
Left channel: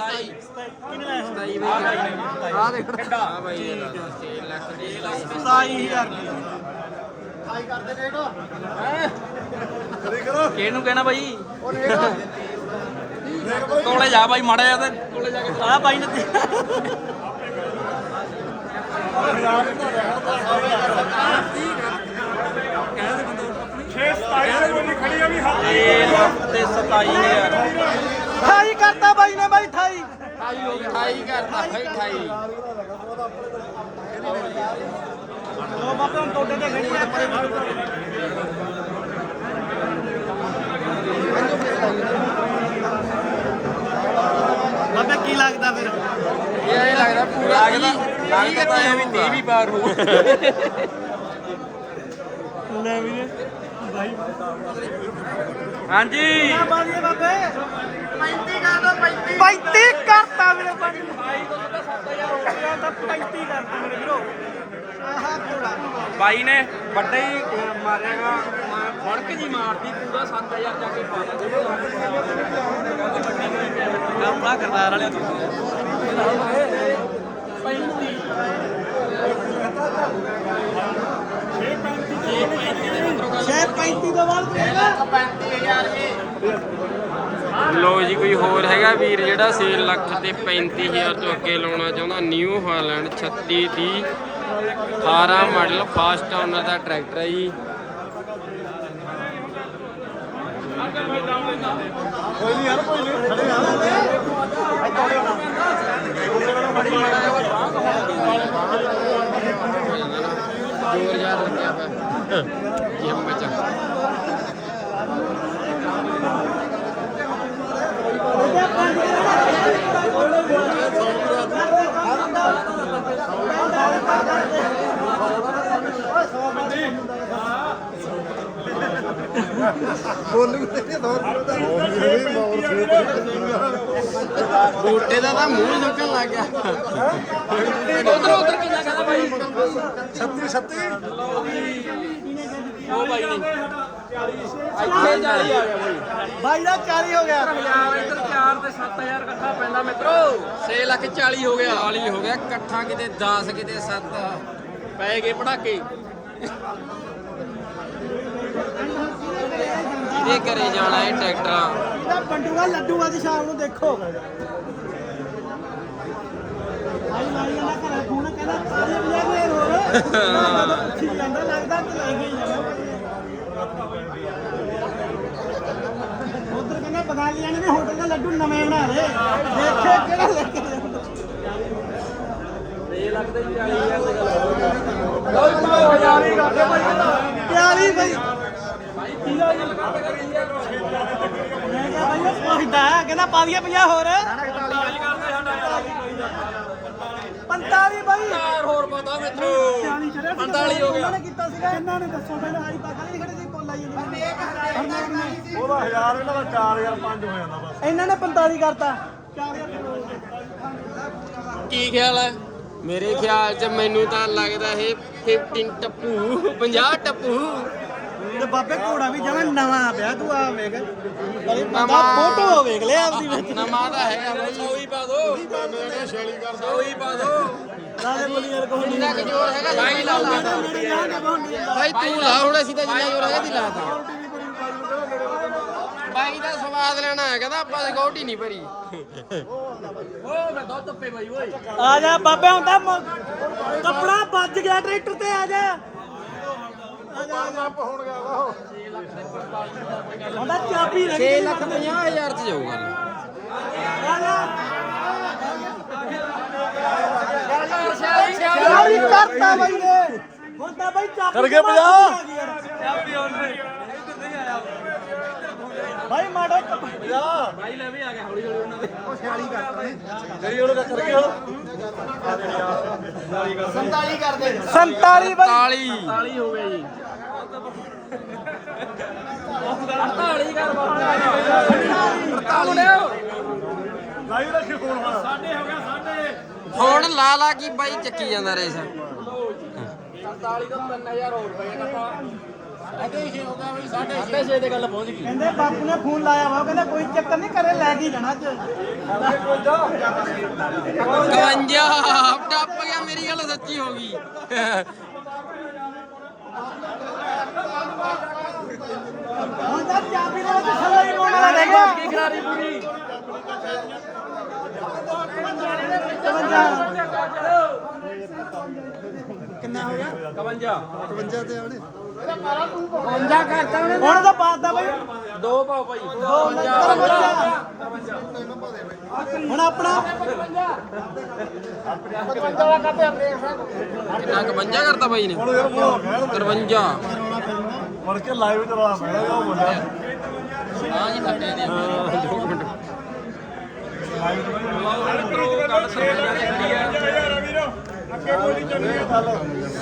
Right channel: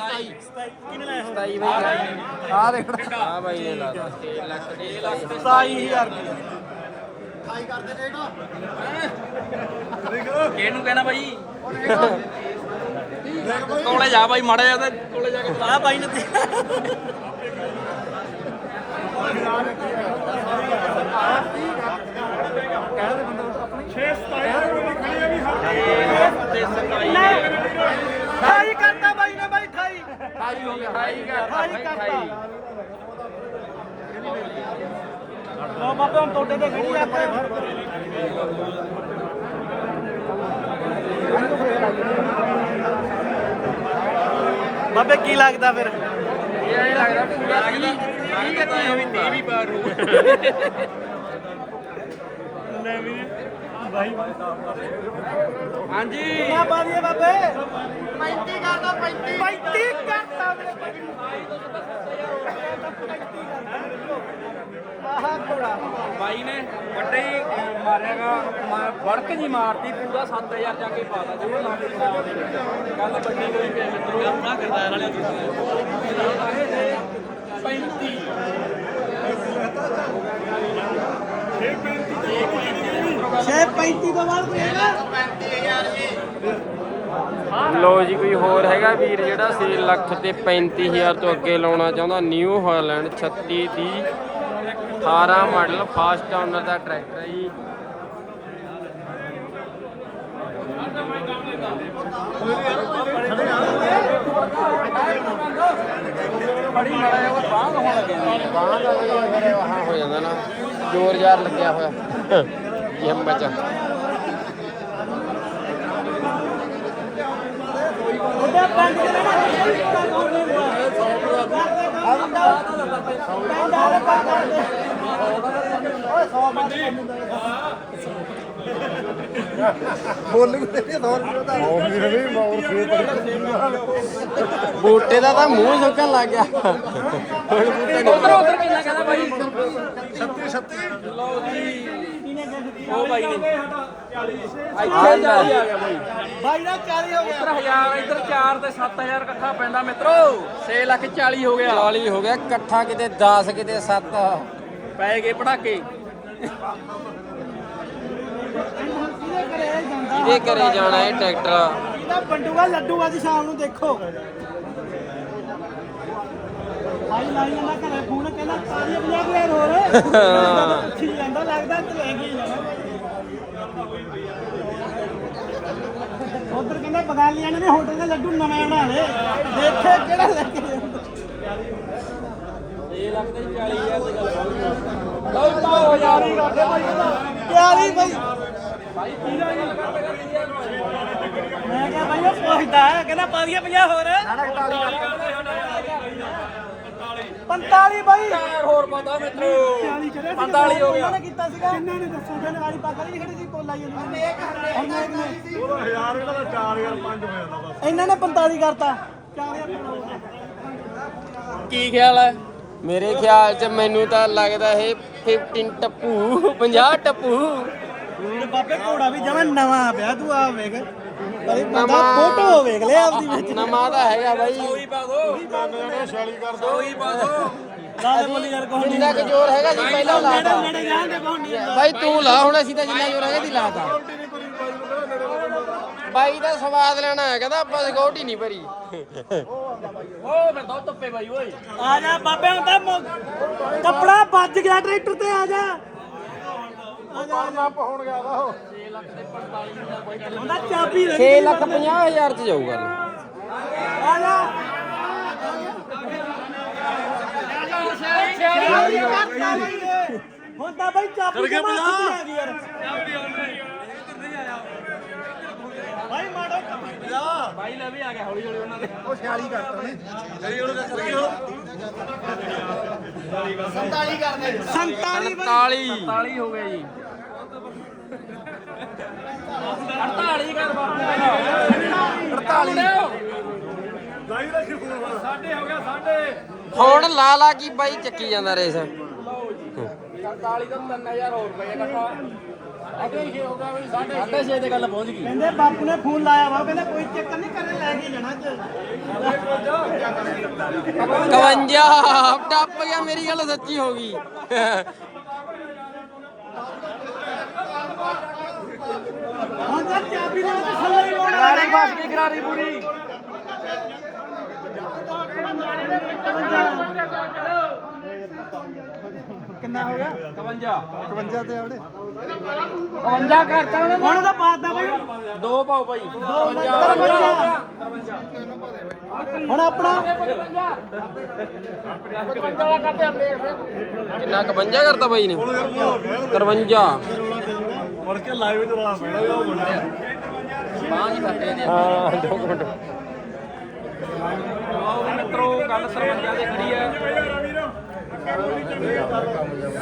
ਤਾਈ ਕਿੰਨੇ ਹੋ 27 ਬਾਈ। ਆ। ਦੇਖ। ਪਿੰਡਾ ਆ ਬਾਈ। ਨੇ ਲਾਇਆ 6 ਲੱਖ ਤੇ 27000 ਰੁਪਏ। ਕਿਹਨੂੰ ਕਹਿਣਾ ਬਾਈ? ਕੋਲੇ ਜਾ ਬਾਈ ਮਾੜਾ ਜਿਹਾ ਤੇ ਕੋਲੇ ਜਾ ਕੇ ਆ ਬਾਈ ਨੇ ਤੇ। 27 ਠਾਈ ਕਰਤਾ ਬਾਈ ਨੇ ਬਾਈ ਠਾਈ 28 ਕਰਤਾ ਭਾਈ 28 ਲੋ ਬਾਬੇ ਹੁਣ ਤੁਹਾਡੇ ਤੇ ਖੜੀ ਇੱਕ। ਬਾਬੇ ਕੀ ਲੱਗਦਾ ਫਿਰ? ਇਹ ਐਂ ਲੱਗਦਾ ਪੂਰਾ 30 30 ਗੱਤੀ ਹੋਊਗਾ। ਵੀ ਬਾਹਰ ਨੂੰ ਨਵੀਂ ਬਾਈ। ਹਾਂਜੀ। 35 ਕਰ ਦੋ 35 35 ਕਰਤਾ ਮੇਰੇ ਬਾਈ 35 ਕਰਤਾ ਮੇਰੇ ਵੀਰੋ। ਬਾਈ ਨੇ ਵੱਡੇ ਹੀ ਮਾਰਿਆਗਾ ਵੜਕ ਜੀ ਮਾਰਦੀ ਪੂਰਾ 7000 ਦਾ ਕੀਤਾ ਗੱਲ ਵੱਡੀ ਹੋਈ ਪਿਆ ਮਿੱਤਰੋ ਕਰਦਾਰ ਵਾਲੇ ਲੋ ਜੀ, ਕੋਈ ਹੋਰ ਹੈਗਾ ਵੀਰ ਜਿਹੜਾ 6 ਲੱਖ ਤੇ 35000 ਤੋਂ ਅੱਗੇ ਲਾਉਣਾ ਚਾਹੁੰਦਾ? ਨਿਊ ਹਾਲੈਂਡ 36 ਦੀ 18 ਮਾਡਲ ਫਾਸਟ ਓਨਰ ਦਾ ਟਰੈਕਟਰ ਹੈ ਜੀ। ਹੋ ਜਾਂਦਾ ਨਾ ਜ਼ੋਰ ਜ਼ਾਰ ਲੱਗਿਆ ਹੋਇਆ। ਇਹ ਹਿੰਮਤ ਚ ਬੂਟੇ ਦਾ ਤਾਂ ਮੂੰਹ ਸੁੱਕਣ ਲੱਗ ਗਿਆ। ਹੁਣ ਬੂਟਾ ਨਹੀਂ ਉਧਰ ਉਧਰ ਕਿੰਨਾ ਕਹਿੰਦਾ ਬਾਈ। ਆ ਲੈ ਬਾਈ ਦਾ 40 ਹੋ ਗਿਆ। ਇੱਧਰ 4 ਤੇ 7000 ਇਕੱਠਾ ਪੈਂਦਾ ਮਿੱਤਰੋ। 6 ਲੱਖ 40 ਹੋ ਗਿਆ। 40 ਹੋ ਗਿਆ ਇਕੱਠਾ ਕਿਤੇ 10 ਕਿਤੇ 7 ਪੈ ਗਏ ਪੜਾਕੇ। ਇਹਦੇ ਘਰੇ ਜਾਣਾ ਇਹ ਟਰੈਕਟਰ? ਇਹਦਾ ਬੰਡੂਗਾ ਲੱਡੂ ਅੱਜ ਸ਼ਾਮ ਨੂੰ ਦੇਖੋ। ਬਾਈ ਲਾਈ ਜਾਂਦਾ ਘਰੇ ਫੋਨ ਕਹਿੰਦਾ ਤਾਲੀਆਂ ਬਜਾ ਕੇ ਯਾਰ ਹੋਰ। ਪੁੱਛੀ ਜਾਂਦਾ ਲੱਗਦਾ ਤੇ ਲੈ ਕੇ ਹੀ ਜਾਣਾ। ਉਧਰ ਕਹਿੰਦਾ ਬਗਾਲੀਆਂ ਨੇ ਵੀ ਹੋਟਲ ਦਾ ਲੱਡੂ ਨਵਾਂ ਬਣਾ ਲਏ ਦੇਖੇ ਕਿਹੜਾ ਲੈ ਇਹ ਲੱਗਦਾ 40000 ਦੀ ਗੱਲ ਹੋ ਜਾਣੀ ਪਿਆਰੀ ਬਈ। ਮੈਂ ਕਿਹਾ ਉਹ ਕਹਿੰਦਾ ਪਾ ਦਈਏ 50 ਹੋਰ। 45 ਬਾਈ। ਚਾਰ ਹੋਰ ਪਤਾ ਵਿੱਚੋਂ 40 ਕਰਿਆ ਸੀ ਉਹਨਾਂ ਨੇ ਕੀਤਾ ਸੀਗਾ। ਕਿੰਨਾ ਨੇ ਦੱਸੋ ਪਹਿਲਾਂ ਆਲੀ ਪੱਗ ਨਹੀਂ ਖੜੀ ਸੀ ਕੋਲ ਆਈ ਇਹਨਾਂ ਨੇ 45 ਕਰਤਾ। 4000 ਕੀ ਖਿਆਲ ਹੈ? ਮੇਰੇ ਖਿਆਲ 'ਚ ਮੈਨੂੰ ਤਾਂ ਲੱਗਦਾ ਇਹ 15 ਟੱਪੂ 50 ਟੱਪੂ। ਤੇ ਬਾਬੇ ਘੋੜਾ ਵੀ ਜਮਾ ਨਵਾਂ ਪਿਆ ਤੂੰ ਆ ਵੇਖ। ਨਵਾਂ ਫੋਟੋ ਵੇਖ ਲੈ ਆਪਦੀ ਵਿੱਚ। ਨਵਾਂ ਤਾਂ ਹੈਗਾ ਬਾਈ। ਸੋਈ ਪਾ ਦੋ। ਸੋਈ ਪਾ ਦੋ। ਲਾ ਦੇ ਬੋਲੀ ਯਾਰ ਕੋਈ ਜਿੰਨਾ ਕੁ ਜ਼ੋਰ ਹੈਗਾ ਜੀ ਪਹਿਲਾਂ ਲਾਤਾ ਨੇੜੇ ਜਾਣਗੇ ਕੋਈ ਨਹੀਂ ਬਾਈ ਤੂੰ ਲਾ ਹੁਣ ਅਸੀਂ ਤਾਂ ਜਿੰਨਾ ਜ਼ੋਰ ਹੈਗਾ ਦੀ ਲਾਤਾ ਬਾਈ ਦਾ ਸਵਾਦ ਲੈਣਾ ਹੈ ਕਹਿੰਦਾ ਆਪਾਂ ਸਿਕਿਉਰਟੀ ਨਹੀਂ ਭਰੀ। ਓਏ ਮੈਂ ਦੁੱਧ ਟੱਪੇ ਬਾਈ ਓਏ। ਆ ਜਾ ਬਾਬੇ ਹੁੰਦਾ ਕੱਪੜਾ ਵੱਜ ਗਿਆ ਟਰੈਕਟਰ ਤੇ ਆ ਜਾ। ਹੁੰਦਾ ਚਾਬੀ ਲੱਗ 6 ਲੱਖ 50 ਹਜ਼ਾਰ ਚ ਜਾਊਗਾ ਜਾ। ਚਾਬੀ ਕਰਤਾ ਬਈ ਨੇ ਹੁੰਦਾ ਬਈ ਚਾਬੀ ਕਰ ਗਿਆ 50 ਭਾਈ ਮਾੜੋ ਬਾਈ ਲੈ ਵੀ ਆ ਗਿਆ ਹੌਲੀ ਹੌਲੀ ਉਹਨਾਂ ਦੇ। ਸੰਤਾਲੀ ਬਾਈ। 47 48 ਹੋ ਗਏ ਜੀ। 48 ਕਰ ਬਾਪੂ। ਆ ਮੁੰਡਿਓ ਸਾਡੇ ਹੋ ਗਿਆ ਸਾਡੇ ਹੁਣ ਲਾ ਲਾ ਕੀ ਬਾਈ ਚੱਕੀ ਜਾਂਦਾ ਰੇਸ। 47 ਦਾ 3000 ਹੋਰ ਰੁਪਏ ਘਟਾ ਸਾਡੇ 6 ਦੇ ਗੱਲ ਪਹੁੰਚ ਗਈ ਕਹਿੰਦੇ ਬਾਪੂ ਨੇ ਫੋਨ ਲਾਇਆ ਵਾ ਕਹਿੰਦਾ ਕੋਈ ਚੱਕਰ ਨਹੀਂ ਕਰੇ ਲੈ ਜੀ ਜਾਣਾ ਚ 52 ਟੱਪ ਗਿਆ ਮੇਰੀ ਗੱਲ ਸੱਚੀ ਹੋ ਗਈ। ਹੁਣ ਤਾਂ ਚਾਬੀ ਨਾਲ ਤਾਂ ਥੱਲੇ ਹੀ ਹੈਗਾ ਹੁਣ ਤਾਂ ਬਾਤ ਦਾ ਬਾਈ। ਦੋ ਪਾਓ ਭਾਈ। ਦੋ ਨੰਬਰ ਬੰਦਾ ਹੁਣ ਆਪਣਾ। ਕਿੰਨਾ 51 ਕਰਤਾ ਬਾਈ ਨੇ? 53 ਹਾਂ 2 ਮਿੰਟ।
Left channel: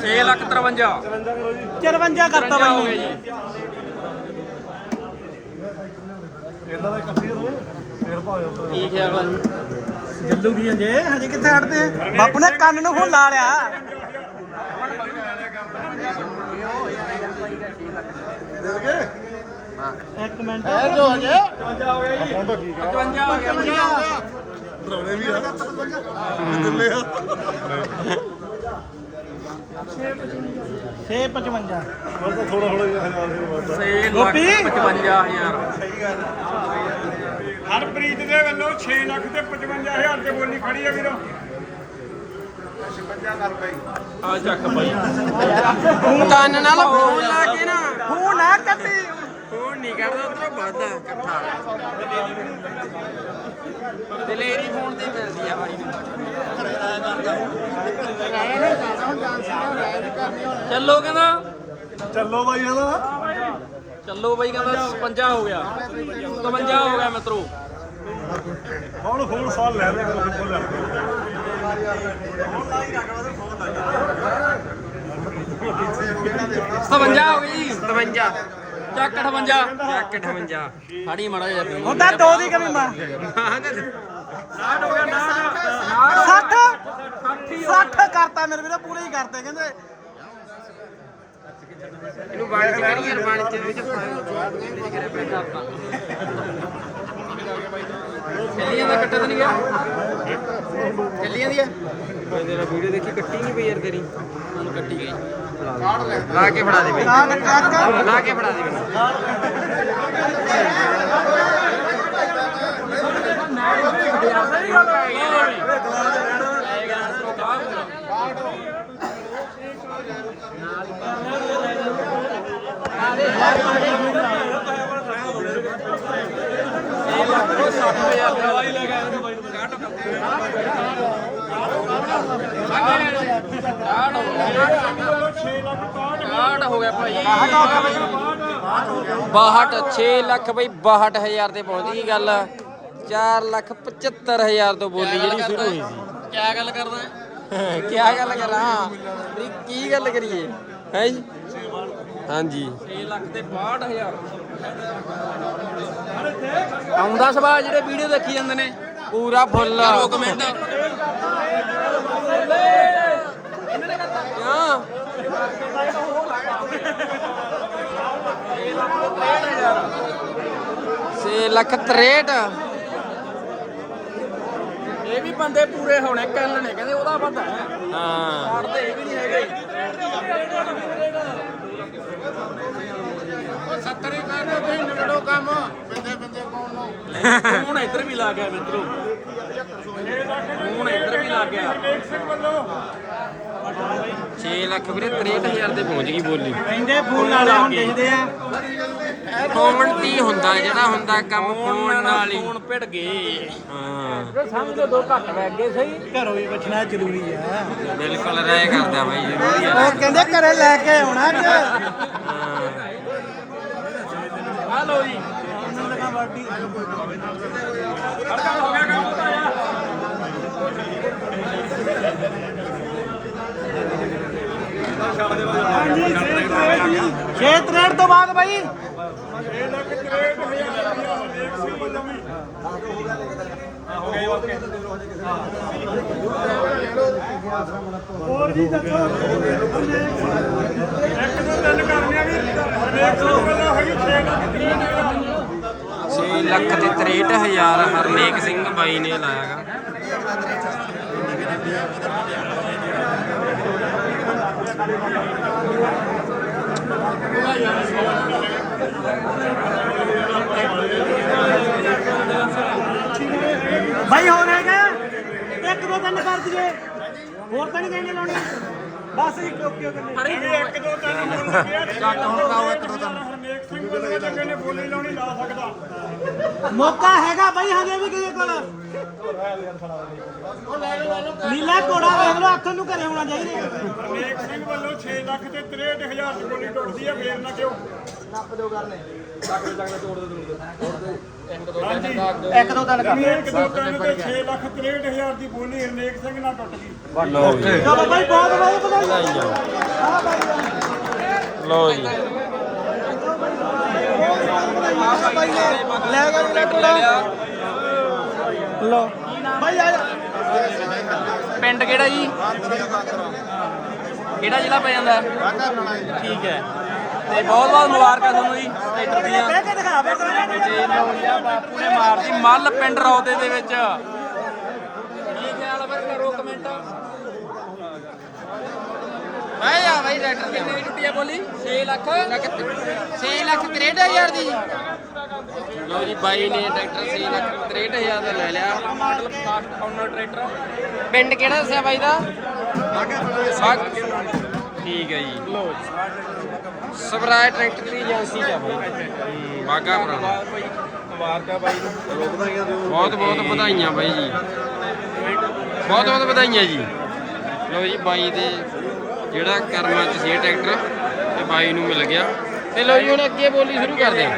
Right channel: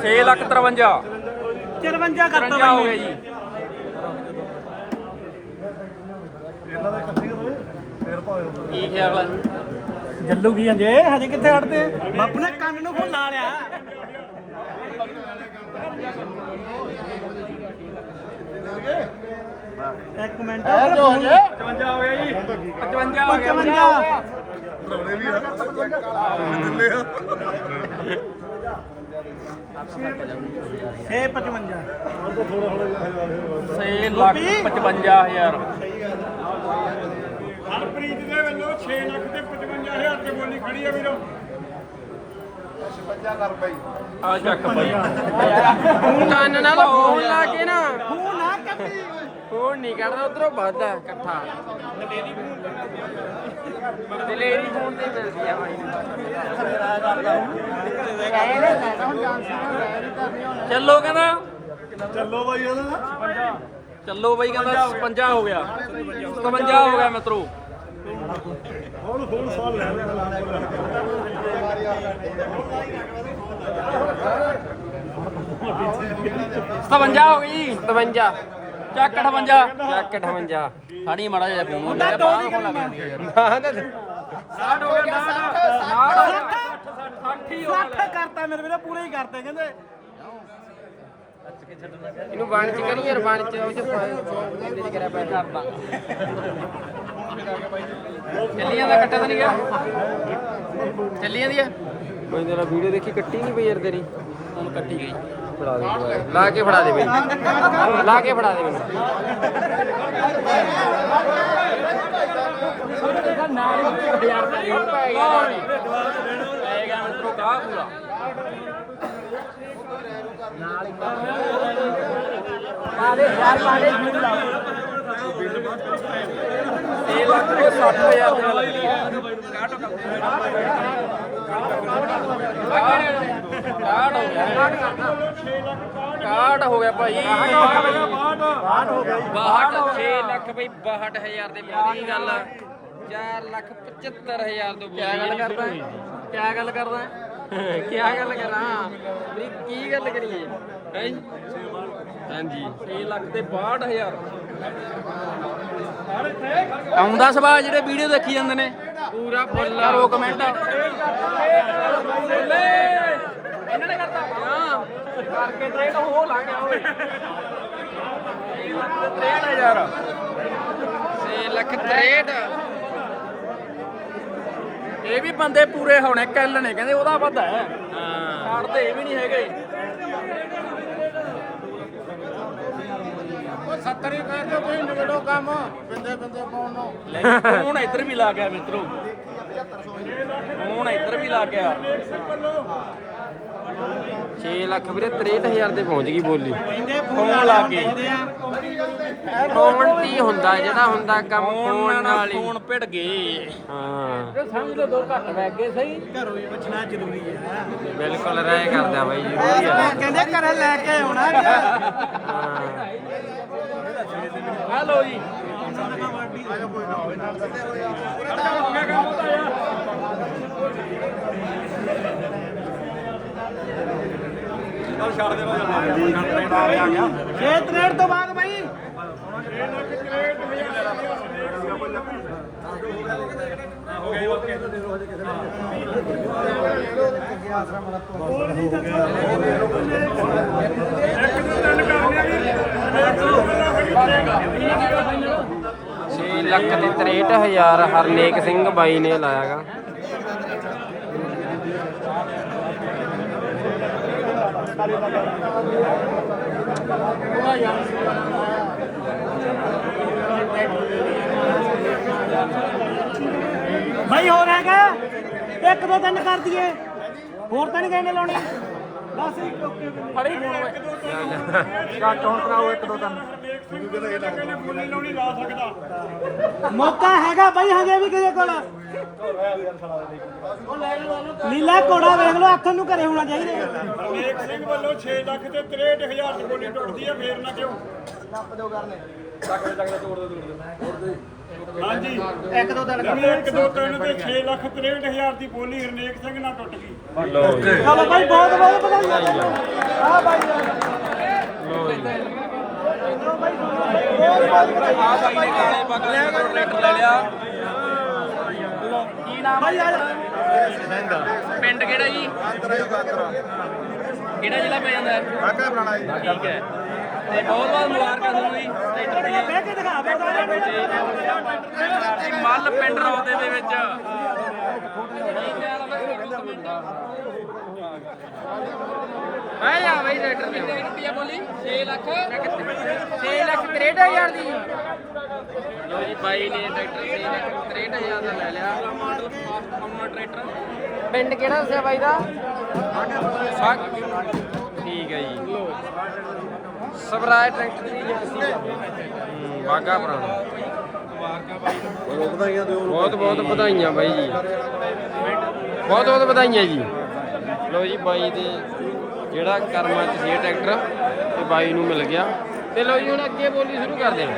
6 ਲੱਖ 53 54 ਕਰਤਾ ਬਾਈ ਨੇ। ਗੱਲੂ ਕੀ ਜੇ ਹਜੇ ਕਿੱਥੇ ਹਟਦੇ? ਬਾਪੂ ਨੇ ਕੰਨ ਨੂੰ ਫੋਨ ਲਾ ਲਿਆ। ਇੱਕ ਮਿੰਟ ਉੱਧਰ ਫੋਨ 55 ਹੋ ਗਿਆ। ਛੇ 55 6 ਲੱਖ 55000 ਹਰਪ੍ਰੀਤ ਦੇ ਵੱਲੋਂ 6 ਲੱਖ ਤੇ 55000 ਤੇ ਬੋਲੀ ਖੜੀ ਆ ਵੀਰੋ। ਕੰਨ ਨਾਲ ਫੋਨ ਲਾ ਕੇ ਨਾ। ਫੋਨ ਆ ਕੱਟੀ। ਫੋਨ ਨਹੀਂ ਕਰਦਾ ਉਧਰੋਂ ਵੱਧਦਾ ਇਕੱਠਾ। ਦਲੇਰੀ ਫੋਨ ਤੇ ਮਿਲਦੀ ਆ ਬਾਈ ਨੂੰ। ਚੱਲੋ ਕਹਿੰਦਾ। ਚੱਲੋ ਬਾਈ ਹਲਾ ਚੱਲੋ ਬਈ ਕਹਿੰਦਾ 55 ਹੋ ਗਿਆ। 55 ਹੋ ਗਿਆ ਮਿੱਤਰੋ। ਹੁਣ ਫੁੱਲ ਸਾਲ ਲੈ ਲੈ ਸਤਵੰਜਾ ਹੋ ਗਈ। 57 ਚੱਕ 58 ਜੱਕ 58 ਫੜੀ ਮੜਾ ਜਾ ਹੁਣ ਤਾਂ ਦੋ ਦੀ ਕਮੀ ਮਾਰ। ਹਾਂ ਤਾਂ 60 60 ਕਰਤਾ ਮੇਰੇ ਵੀਰੋ ਪੂਰੇ ਹੀ ਕਰਤੇ ਕਹਿੰਦੇ ਇਹਨੂੰ ਬਾਣ ਚ ਕਰੀ ਯਾਰ ਬਾਣ ਚ ਉਹ ਚ ਫਾਈਲ ਕਰਿਆ ਪੈਸਾ ਚੱਲੀਆਂ ਦਾ ਕੱਟਾ ਤਾਂ ਨਹੀਂ ਗਿਆ ਚੱਲੀਆਂ ਦੀ ਆ ਮੈਂ ਜਰਾ ਵੀਡੀਓ ਦੇਖੀ ਕੱਟੀ ਨਹੀਂ ਪਈ ਯਾਰ ਤੇਰੀ ਕੱਟੀ ਗਈ ਫੜਾ ਦੇ ਲਾ ਕੇ ਫੜਾ ਦੇ ਬਈ ਲਾ ਕੇ ਫੜਾ ਦੇ ਬਈ ਕਾਰਡ ਹੋ ਗਿਆ ਭਾਈ। 62 ਹੋ ਗਿਆ ਬਈ। 62 6 ਲੱਖ ਬਈ 62000 ਤੇ ਪਹੁੰਚ ਗਈ ਗੱਲ। 4 ਲੱਖ 75000 ਤੋਂ ਕਿਆ ਗੱਲ ਬੋਲੀ ਕਰਦਾ? ਕਿਆ ਗੱਲ ਕਰਦਾ? ਹੈ? ਕੀ ਗੱਲ ਕਰਾਂ? ਵੀ ਕੀ ਗੱਲ ਕਰੀਏ? ਹੈ ਜੀ? ਹਾਂਜੀ। 6 ਲੱਖ ਤੇ 62000 ਆਉਂਦਾ ਸਵਾ ਜਿਹੜੇ ਵੀਡੀਓ ਦੇਖੀ ਜਾਂਦੇ ਨੇ। ਪੂਰਾ ਫੁੱਲ। ਕਰੋ ਕਮੈਂਟ ਕਿਉਂ? ਛੇ ਲੱਖ 63 ਇਹ ਵੀ ਬੰਦੇ ਪੂਰੇ ਹੋਣੇ ਕੱਲ ਨੇ ਕਹਿੰਦੇ ਉਹਦਾ ਬੰਦਾ ਹੈ। ਹਾਂ ਤੇ ਇਹ ਵੀ ਨਹੀਂ ਹੈਗਾ ਜੀ। ਸੱਤਰ ਕਰਨਾ ਕੋਈ ਨੜੋ ਕੰਮ ਬੰਦੇ ਬੰਦੇ ਹੁਣ ਇੱਧਰ ਵੀ ਲਾ ਗਿਆ ਮਿੱਤਰੋ। ਹੁਣ ਇੱਧਰ ਵੀ ਲਾ ਗਿਆ। 6 ਲੱਖ ਵੀਰੇ 63000 ਤੇ ਪਹੁੰਚ ਗਈ ਬੋਲੀ। ਕਹਿੰਦੇ ਫੋਨ ਵਾਲੇ ਹੁਣ ਕਹਿੰਦੇ ਆ ਫੋਨ ਤੇ ਹੀ ਹੁੰਦਾ ਜਿਹੜਾ ਹੁੰਦਾ ਕੰਮ ਫੋਨ ਨਾਲ ਹੀ। ਹੁਣ ਭਿੜ ਗਏ। ਹਾਂ। ਸਮਝ ਲਓ ਦੋ ਘੱਟ ਵਗ ਗਏ ਸਹੀ। ਘਰੋਂ ਵੀ ਬਚਣਾ ਜ਼ਰੂਰੀ ਆ। ਬਿਲਕੁਲ ਰਹਿ ਕਰਦਾ ਬਾਈ ਜ਼ਰੂਰੀ ਆ ਉਹ ਕਹਿੰਦੇ ਘਰੇ ਲੈ ਕੇ ਆਉਣਾ ਹਾਂ। ਜੀ ਖਰਚਾ ਹੋ। ਗਿਆ ਕੰਮ ਉਹਦਾ ਯਾਰ ਛੇ ਤਰੇੜ ਤੋਂ ਬਾਅਦ ਬਾਈ। ਹੋਰ ਜੀ ਦੱਸੋ। ਛੇ ਲੱਖ ਤੇ 63000 ਹਰਨੇਕ ਸਿੰਘ ਬਾਈ ਨੇ ਲਾਇਆਗਾ। ਬਾਈ ਹੋਰ ਹੈਗਾ? ਇੱਕ ਦੋ ਤਿੰਨ ਕਰ ਦਈਏ। ਹੋਰ ਤਾਂ ਨਹੀਂ ਕਹਿੰਦੇ ਲਾਉਣੀ। ਬਸ ਇੱਕ ਓਕੇ ਓਕੇ ਫੜੀ ਇੱਕ ਦੋ ਕੱਟ ਹੁਣ ਕਰਾਓ ਇੱਕ ਦੋ ਤਿੰਨ। ਕਹਿੰਦੇ ਬੋਲੀ ਲਾਉਣੀ ਲਾ ਸਕਦਾ ਮੌਕਾ ਹੈਗਾ ਬਾਈ ਹਜੇ ਵੀ ਕਿਸੇ ਕੋਲ। ਨੀਲਾ ਕੋੜਾ ਵੇਖ ਲਓ ਹੱਥ ਨੂੰ ਘਰੇ ਹੋਣਾ ਚਾਹੀਦਾ। ਹਰਨੇਕ ਸਿੰਘ ਵੱਲੋਂ 6 ਲੱਖ ਤੇ 63000 ਚ ਬੋਲੀ ਟੁੱਟਦੀ ਹੈ ਫੇਰ ਨਾ ਕਿਉਂ? ਹਾਂਜੀ ਇੱਕ ਦੋ ਤਿੰਨ ਲੰਮੇ ਇੱਕ ਦੋ ਤਿੰਨ ਤੇ 6 ਲੱਖ 63000 ਦੀ ਬੋਲੀ ਹਰਨੇਕ ਸਿੰਘ ਨਾਲ ਟੁੱਟ ਗਈ। ਲਓ ਜੀ। ਚਲੋ ਬਾਈ ਬਹੁਤ ਬਹੁਤ ਵਧਾਈਆਂ ਲਓ ਜੀ ਲੋ ਬਾਈ ਆ ਜਾ। ਪਿੰਡ ਕਿਹੜਾ ਜੀ? ਕਿਹੜਾ ਜ਼ਿਲ੍ਹਾ ਪੈ ਜਾਂਦਾ? ਵਾਗਾ ਬਣਾਣਾ ਜੀ। ਠੀਕ ਹੈ। ਤੇ ਬਹੁਤ ਬਹੁਤ ਮੁਬਾਰਕਾਂ ਤੁਹਾਨੂੰ ਜੀ। ਤੇ ਮੱਲ ਪਿੰਡ ਰੌਦੇ ਦੇ ਵਿੱਚ। ਖਿਆਲ ਆ ਬਾਈ ਟਰੈਕਟਰ ਦੇ ਕਿੰਨੀ ਬੋਲੀ? 6 ਲੱਖ। 6 ਲੱਖ 63000 ਦੀ। ਲਓ ਜੀ ਬਾਈ ਨੇ ਟਰੈਕਟਰ 6 ਲੱਖ 63000 ਦਾ ਲੈ ਲਿਆ। ਆਨਰ ਟਰੈਕਟਰ ਪਿੰਡ ਕਿਹੜਾ ਦੱਸਿਆ ਬਾਈ ਦਾ? ਬਾਗ ਠੀਕ ਹੈ ਜੀ। ਸਵਰਾਜ ਟਰੈਕਟਰ ਦੀ ਏਜੰਸੀ ਆ ਬਾਈ। ਹੂੰ ਬਾਗਾ ਪੁਰਾਣਾ। ਬਹੁਤ ਬਹੁਤ ਵਧਾਈਆਂ ਬਾਈ ਜੀ। ਬਹੁਤ ਬਹੁਤ ਵਧਾਈਆਂ ਜੀ। ਲਓ ਜੀ ਬਾਈ ਦੇ ਜਿਹੜਾ ਕਰਮਾਂ ਚ ਸੀ ਟਰੈਕਟਰ ਤੇ ਬਾਈ ਨੂੰ ਮਿਲ ਗਿਆ। ਤੇ ਲਓ ਜੀ ਹੁਣ ਅੱਗੇ ਬੋਲੀ ਸ਼ੁਰੂ ਕਰਦੇ ਹਾਂ।